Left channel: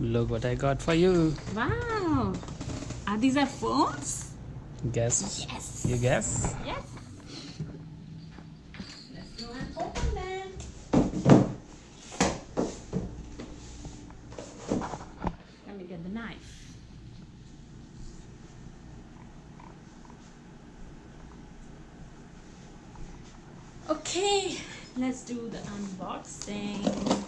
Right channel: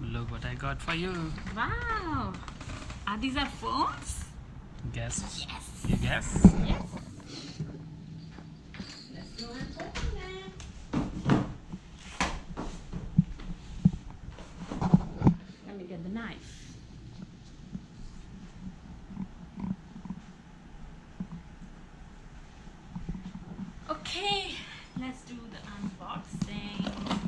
Look what I got for you. Wow. Are these our phones? Guess. Yes. You guess? Yes. Let's go and open them. Let me get the knife. Okay, let's do the unboxing.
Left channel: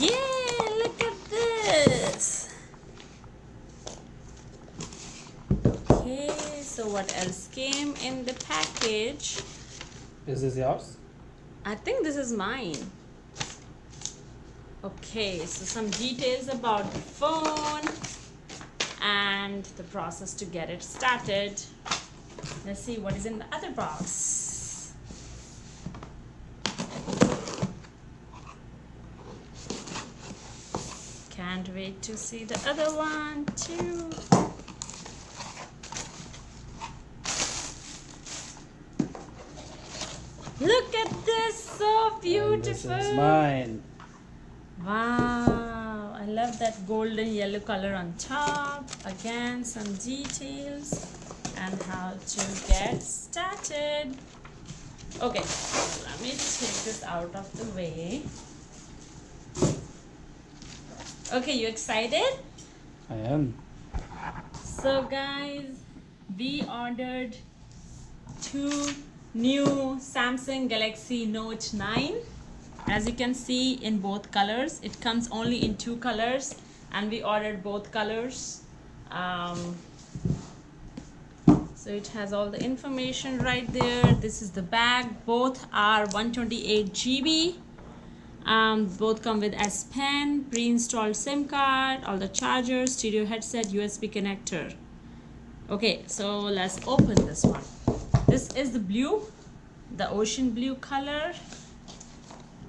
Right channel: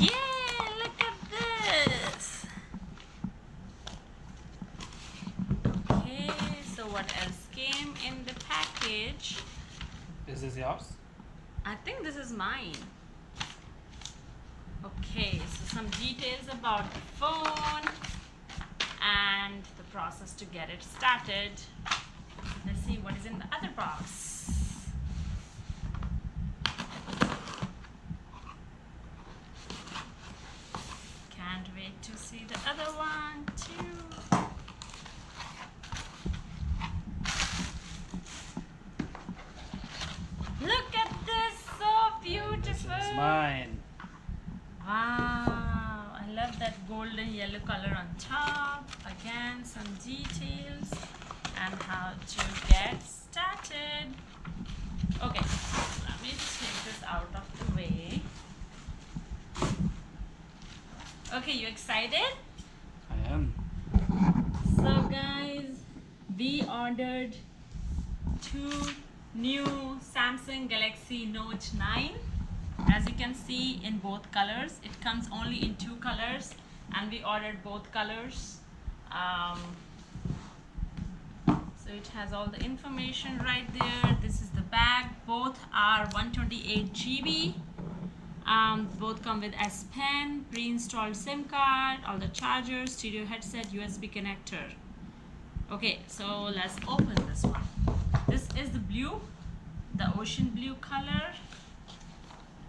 Yeah, look at this. Okay, so what else came in the package? Is this yours? I think this is mine. Okay, so some details about the phone and the process to get it started. Let's see what is in the other box. Can't wait to see the other one too. Look at this, so beautiful. And this is mine. Wow, I love that golden yellow color on top. Again, some details and how to get started. Okay, let me take this out of the way. Okay, you excited? I am. So guys, we ordered two new Samsung Galaxy Note 9. As you can see, in both colors. It comes only in two colors and we ordered both colors. So it has all the information right there. This is the bag. Both are 128 GB. Both come with S Pen, pre-installed SIM card, all the chargers, stereo headset, USB connector. Okay, so let's open this one. This is the blue, the ocean blue color.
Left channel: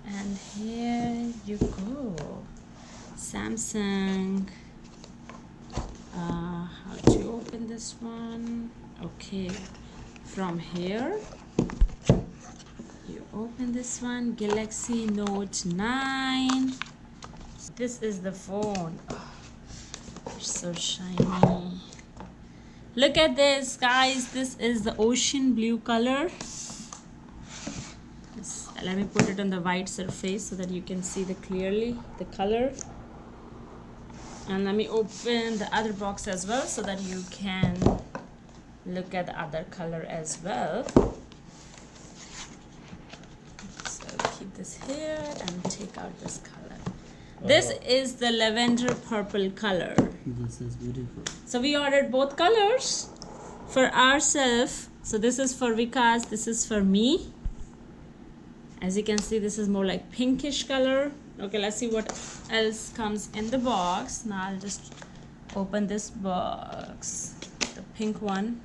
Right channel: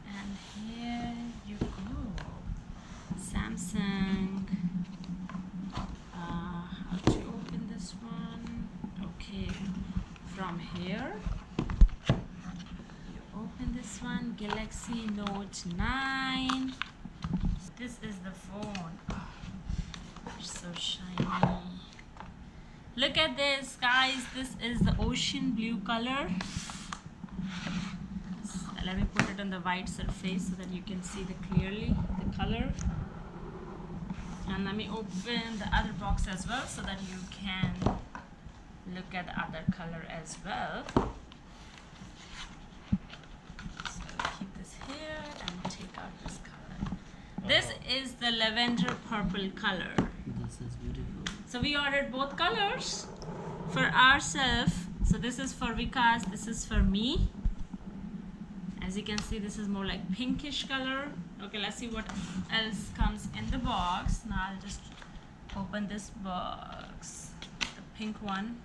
And here you go. Samsung. How to open this one? Okay, from here you open this one. Galaxy Note 9. This is the phone. Oh, it's so shiny. Look at this, guys. This is the ocean blue color. Let me put it on the white surface so that you can see clearly the color. And let me open the other box as well so that you can look at the other color as well. So I'll keep this here and take out this color. This is the lavender purple color. This is beautiful. So we ordered both colors for ourselves. So this is for Vikas, this is for me. As you can see, this is more like pinkish color. Okay, let's see what else comes in the box. Now I'll just open this box, the pink one.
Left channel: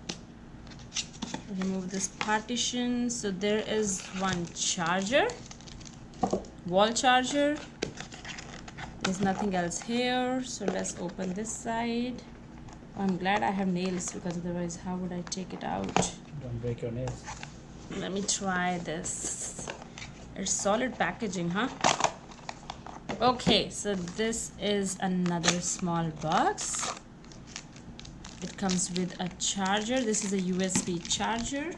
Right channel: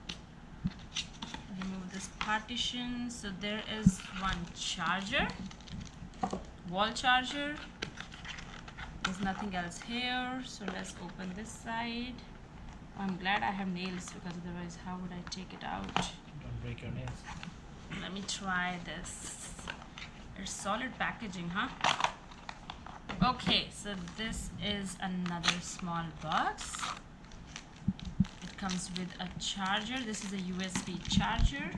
Remove this partition. So there is one charger, wall charger. There's nothing else here. So let's open this side. Oh, I'm glad I have nails because otherwise how would I take it out? Don't break your nails. Let me try this. It's solid packaging, huh? Okay, so this is another small box. It comes with a charger. This is a USB charger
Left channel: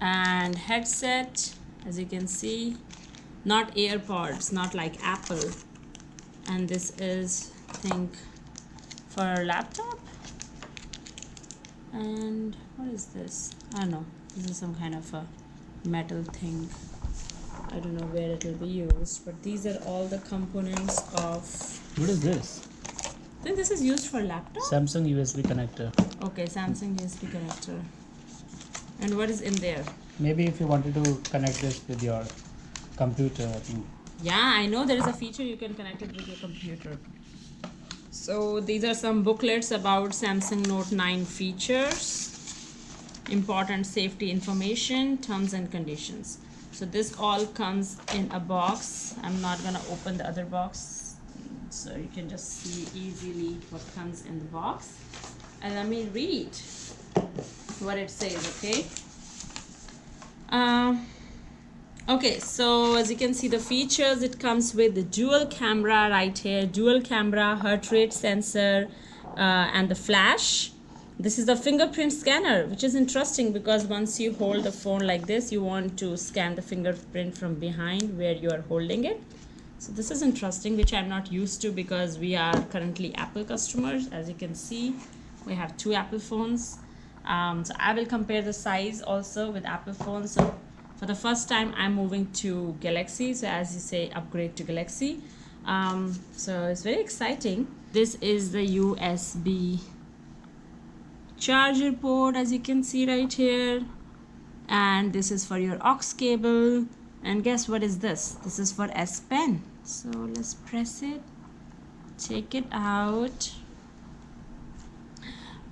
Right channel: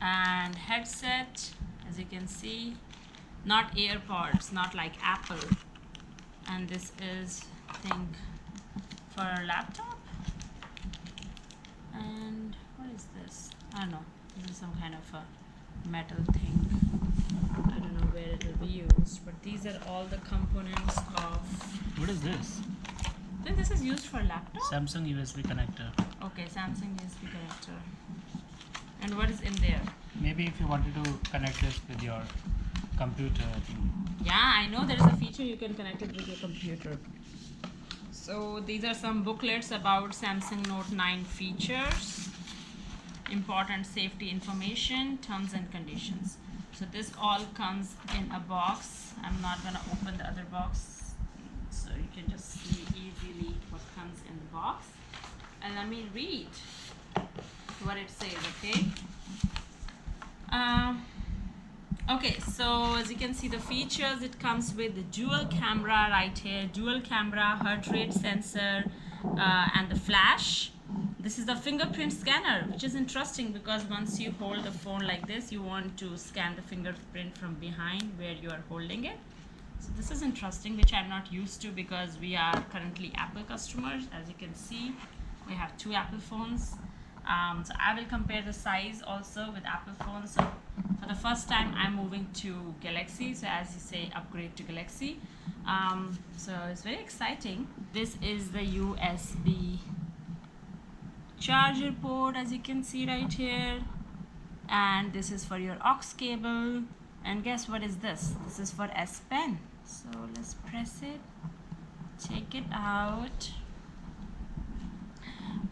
and headset. As you can see, not AirPods, not like Apple. And this is, I think, for a laptop. And what is this? I don't know. This is some kind of a metal thing. I don't know where it will be used, but these are all the components of. What is this? I think this is used for laptop. Samsung USB connector. Okay, Samsung USB connector. And what is in there? Maybe if you wanted to connect this with your computer, I think. Yeah, I know there is a feature you can connect it with your computer. So these are some booklets about Samsung Note 9 features, important safety information, terms and conditions. So this all comes in a box. I'm not gonna open the other box, so you can just see easily what comes in the box. And let me read what it says, okay? Okay, so as you can see the features, it comes with the dual camera right here, dual camera, heart rate sensor, and the flash. This is the fingerprint scanner, which is interesting because once you hold the phone like this, you want to scan the fingerprint from behind where you are holding it. So this is interesting, which I'm not used to because we are currently Apple customers. As you can see, we have two Apple phones. So I will compare the size also with Apple phones. So for the first time, I'm moving to Galaxy. So as you say, upgrade to Galaxy. So it's very exciting. This is the USB charger port, as you can see right here. And this is for your aux cable. And guess what is this? This is for S Pen. So let's press it. Take it out.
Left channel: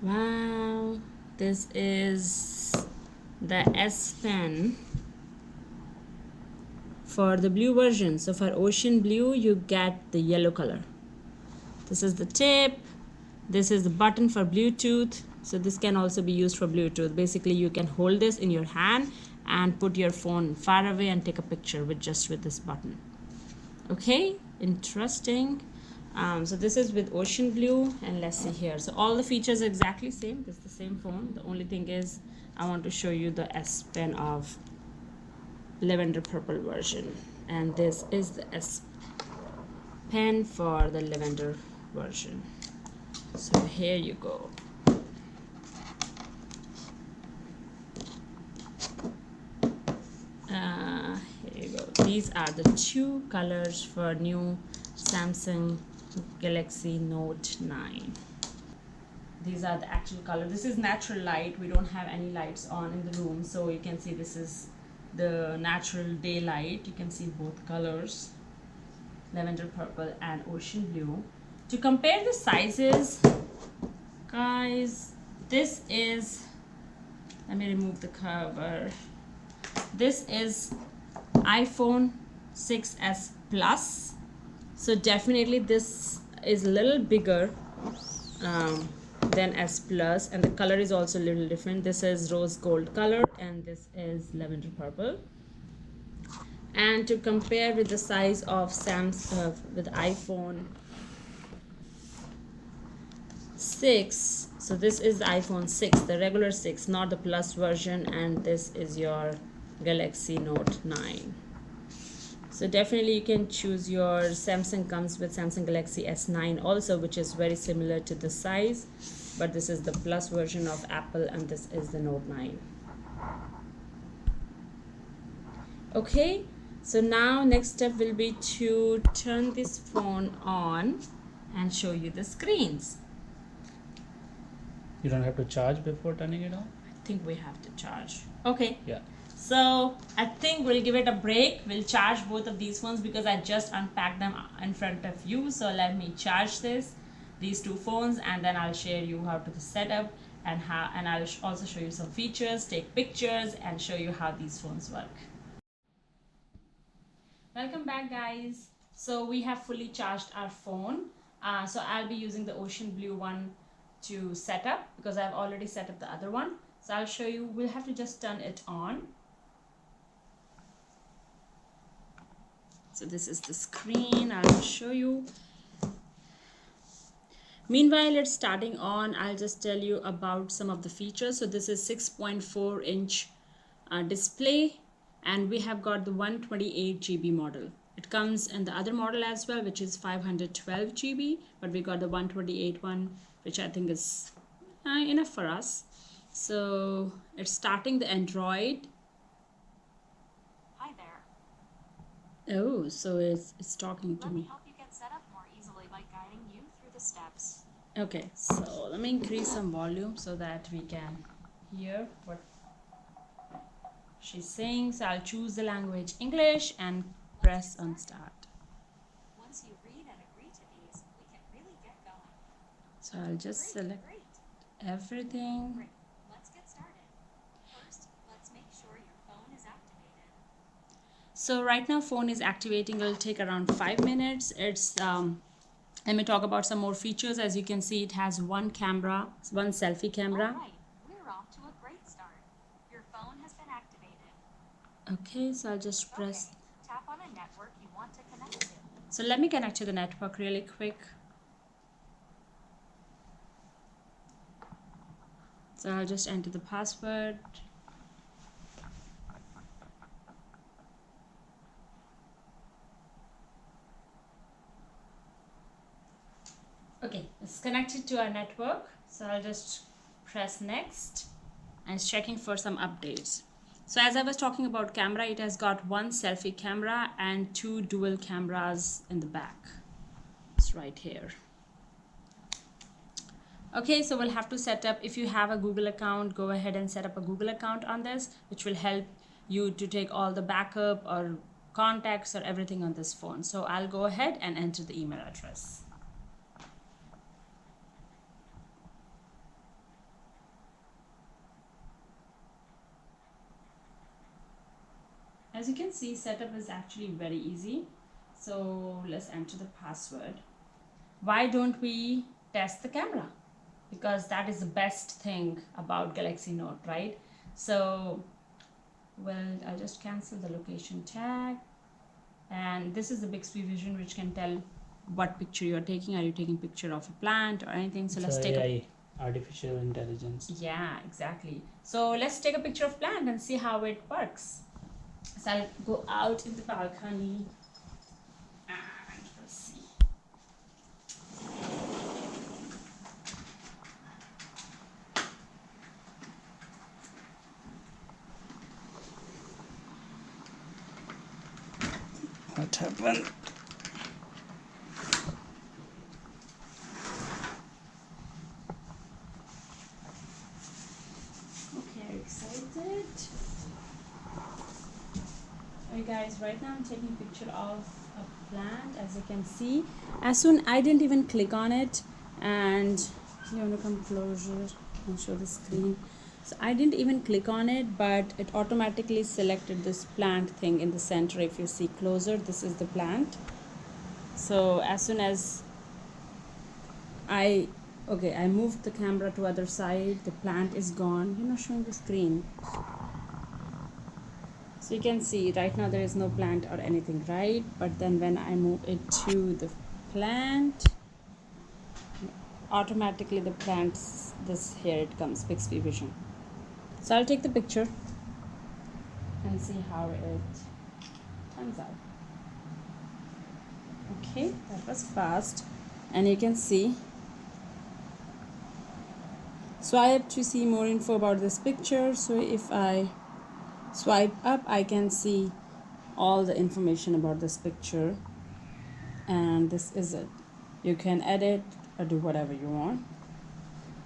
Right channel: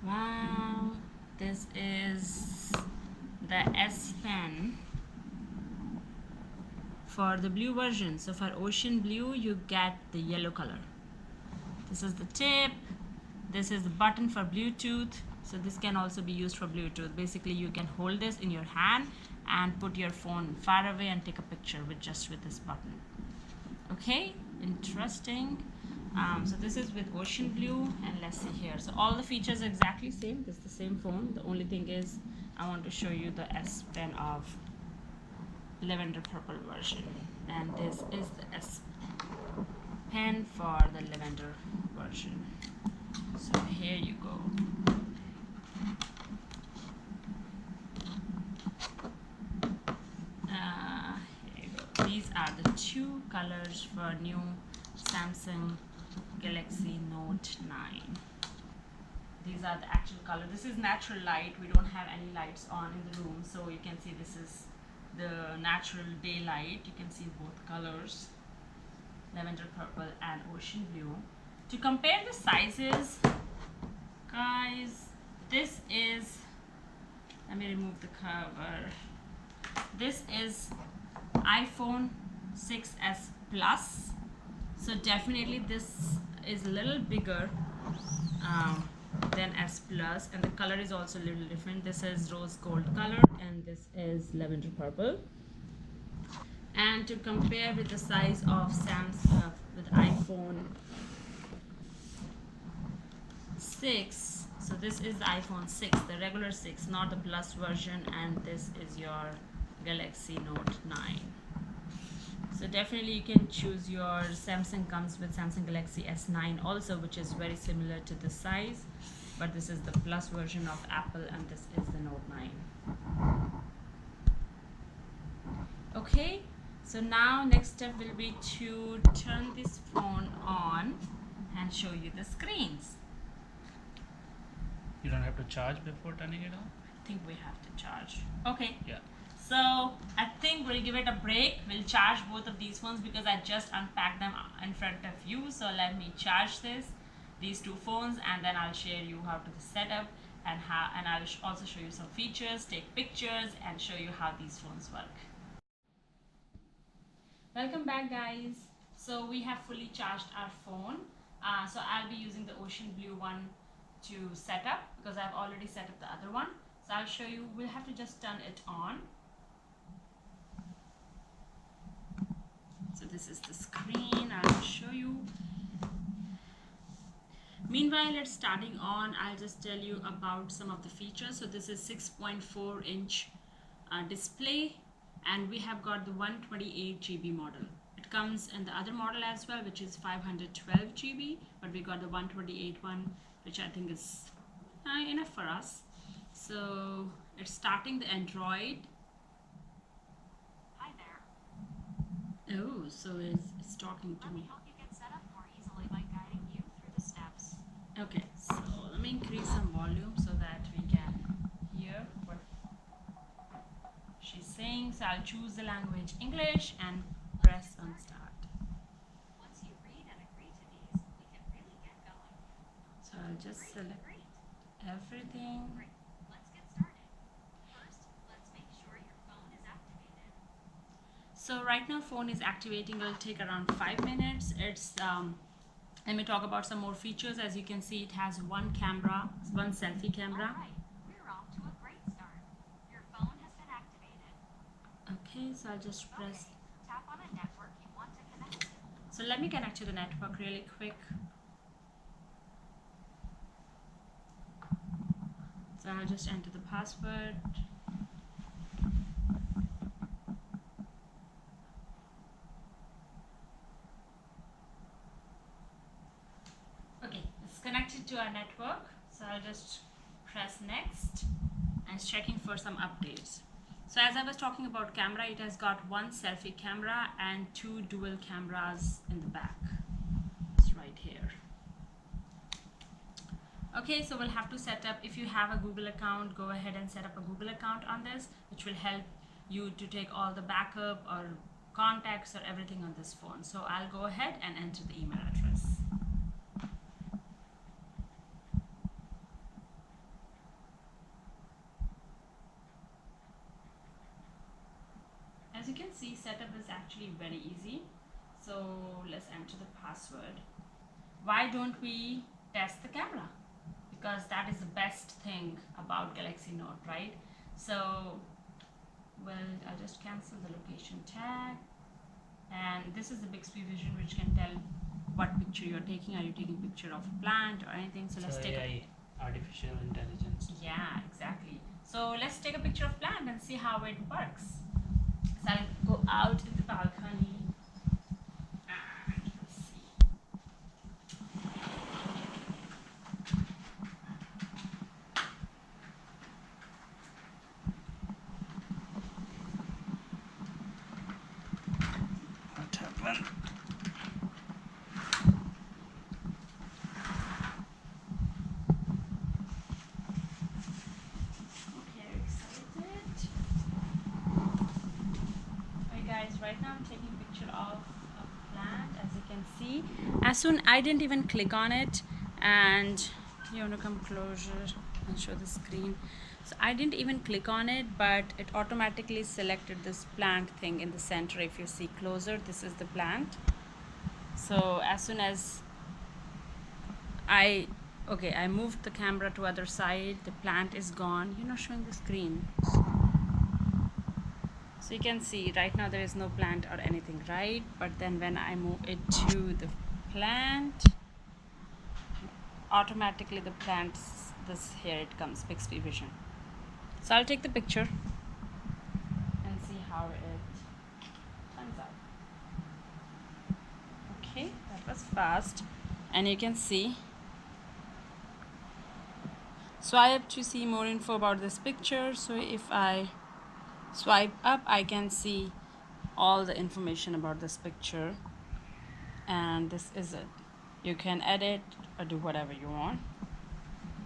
Wow. This is the S Pen for the blue version. So for ocean blue, you get the yellow color. This is the tip. This is the button for Bluetooth. So this can also be used for Bluetooth. Basically, you can hold this in your hand and put your phone far away and take a picture with this button. Okay, interesting. So this is with ocean blue, and let's see here. So all the features are exactly same. This is the same phone. The only thing is I want to show you the S Pen of lavender purple version, and this is the S Pen for the lavender version. So here you go. Here you go. These are the two colors for new Samsung Galaxy Note 9. These are the actual color. This is natural light. We don't have any lights on in the room, so you can see this is the natural daylight. You can see both colors, lavender purple and ocean blue. To compare the sizes, guys, this is, let me remove the cover. This is iPhone 6s Plus. So definitely this is a little bigger than S Plus, and the color is also a little different. This is rose gold color and this is lavender purple. And to compare with the size of with iPhone 6, so this is the iPhone 6, the regular 6, not the Plus version, and this is your Galaxy Note 9. So definitely you can choose your Samsung. Comes with Samsung Galaxy S9 also, which is very similar to the size, but this is the Plus version of Apple and this is the Note 9. Okay, so now next step will be to turn this phone on and show you the screens. You don't have to charge before turning it on? I think we have to charge. Okay. Yeah. So I think we'll give it a break. We'll charge both of these phones because I just unpacked them in front of you. So let me charge these two phones, and then I'll share you how to set up and I'll also show you some features, take pictures, and show you how these phones work. Welcome back, guys. So we have fully charged our phone. So I'll be using the ocean blue one to set up because I've already set up the other one. So I'll show you. We'll have to just turn it on. So this is the screen. I'll show you. Meanwhile, it's starting on. I'll just tell you about some of the features. So this is 6.4 inch display, and we have got the 128 GB model. It comes in the other model as well, which is 512 GB, but we got the 128 one, which I think is enough for us. So it's starting the Android. Hi there. Oh, so it's talking to me. Let me help you get set up more easily by guiding you through the steps. Okay, so let me increase some volume so that we can hear what she's saying. So I'll choose the language English and press on start. Once you read and agree to these, we can really get going. So I'll just select Great. everything. Great. Let's get started. First, let's make sure your phone is activated. So right now phone is activating. It'll take around 5 minutes. It's let me talk about some more features. As you can see, it has one camera, one selfie camera. All right, we're off to a great start. Your phone has been activated. Okay, so I'll just press. Okay, tap on a network you want to connect to. So let me connect to the network really quick. So I'll just enter the password. Okay, it's connected to our network. So I'll just press next and it's checking for some updates. So as I was talking about camera, it has got one selfie camera and two dual cameras in the back. It's right here. Okay, so we'll have to set up, if you have a Google account, go ahead and set up a Google account on this, which will help you to take all the backup or contacts or everything on this phone. So I'll go ahead and enter the email address. As you can see, setup is actually very easy. So let's enter the password. Why don't we test the camera? Because that is the best thing about Galaxy Note, right? So, well, I'll just cancel the location tag. And this is the Bixby Vision, which can tell what picture you're taking. Are you taking picture of a plant or anything? So let's take AI, artificial intelligence. Yeah, exactly. So let's take a picture of plant and see how it works. So I'll go out in the balcony and let's see. What happened? Okay, are you excited? Okay guys, right now I'm taking a picture of a plant, as you can see. As soon, I didn't even click on it, and you want to come closer and show the screen. So I didn't even click on it, but it automatically selected this plant thing in the center. If you see closer, this is the plant. So as soon as I moved the camera to other side, the plant is gone. You're not showing the screen. So you can see right now there is no plant or anything, right? But then when I move it to the plant, automatically the plants, this here it comes, Bixby Vision. So I'll take the picture and see how it turns out. Okay, that was fast. And you can see, swipe to see more info about this picture. So if I swipe up, I can see all the information about this picture, and this is it. You can edit or do whatever you want.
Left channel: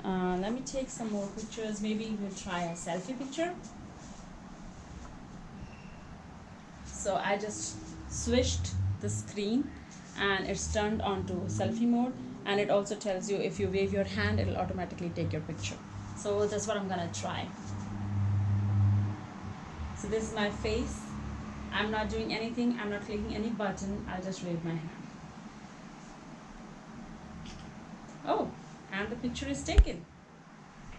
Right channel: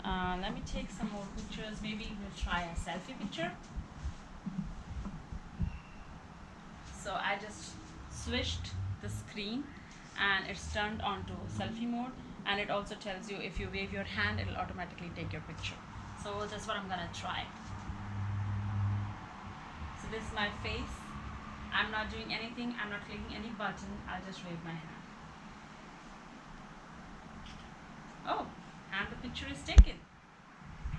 Let me take some more pictures. Maybe we'll try a selfie picture. So I just switched the screen and it's turned on to selfie mode, and it also tells you if you wave your hand, it'll automatically take your picture. So that's what I'm gonna try. So this is my face. I'm not doing anything. I'm not clicking any button. I'll just wave my hand. Oh, and the picture is taken.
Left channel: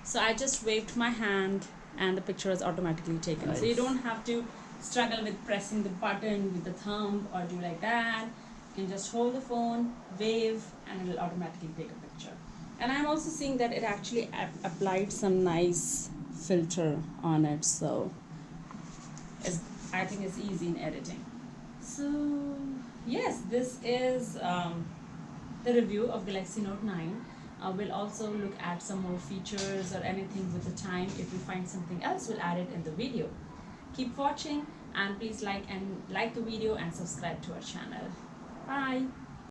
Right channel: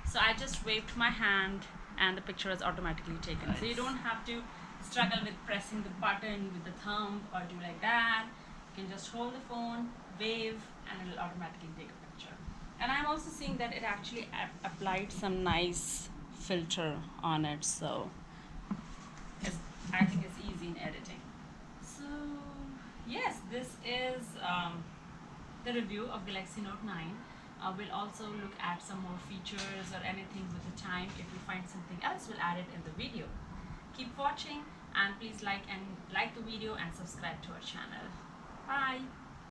So I just waved my hand and the picture is automatically taken. Nice. So you don't have to struggle with pressing the button with the thumb or do like that. You can just hold the phone, wave, and it will automatically take a picture. And I'm also seeing that it actually applied some nice filter on it. So I think it's easy in editing. So yes, this is the review of Galaxy Note 9. We'll also look at some more features or anything with the time. If we find something else, we'll add it in the video. Keep watching and please like the video and subscribe to our channel. Bye.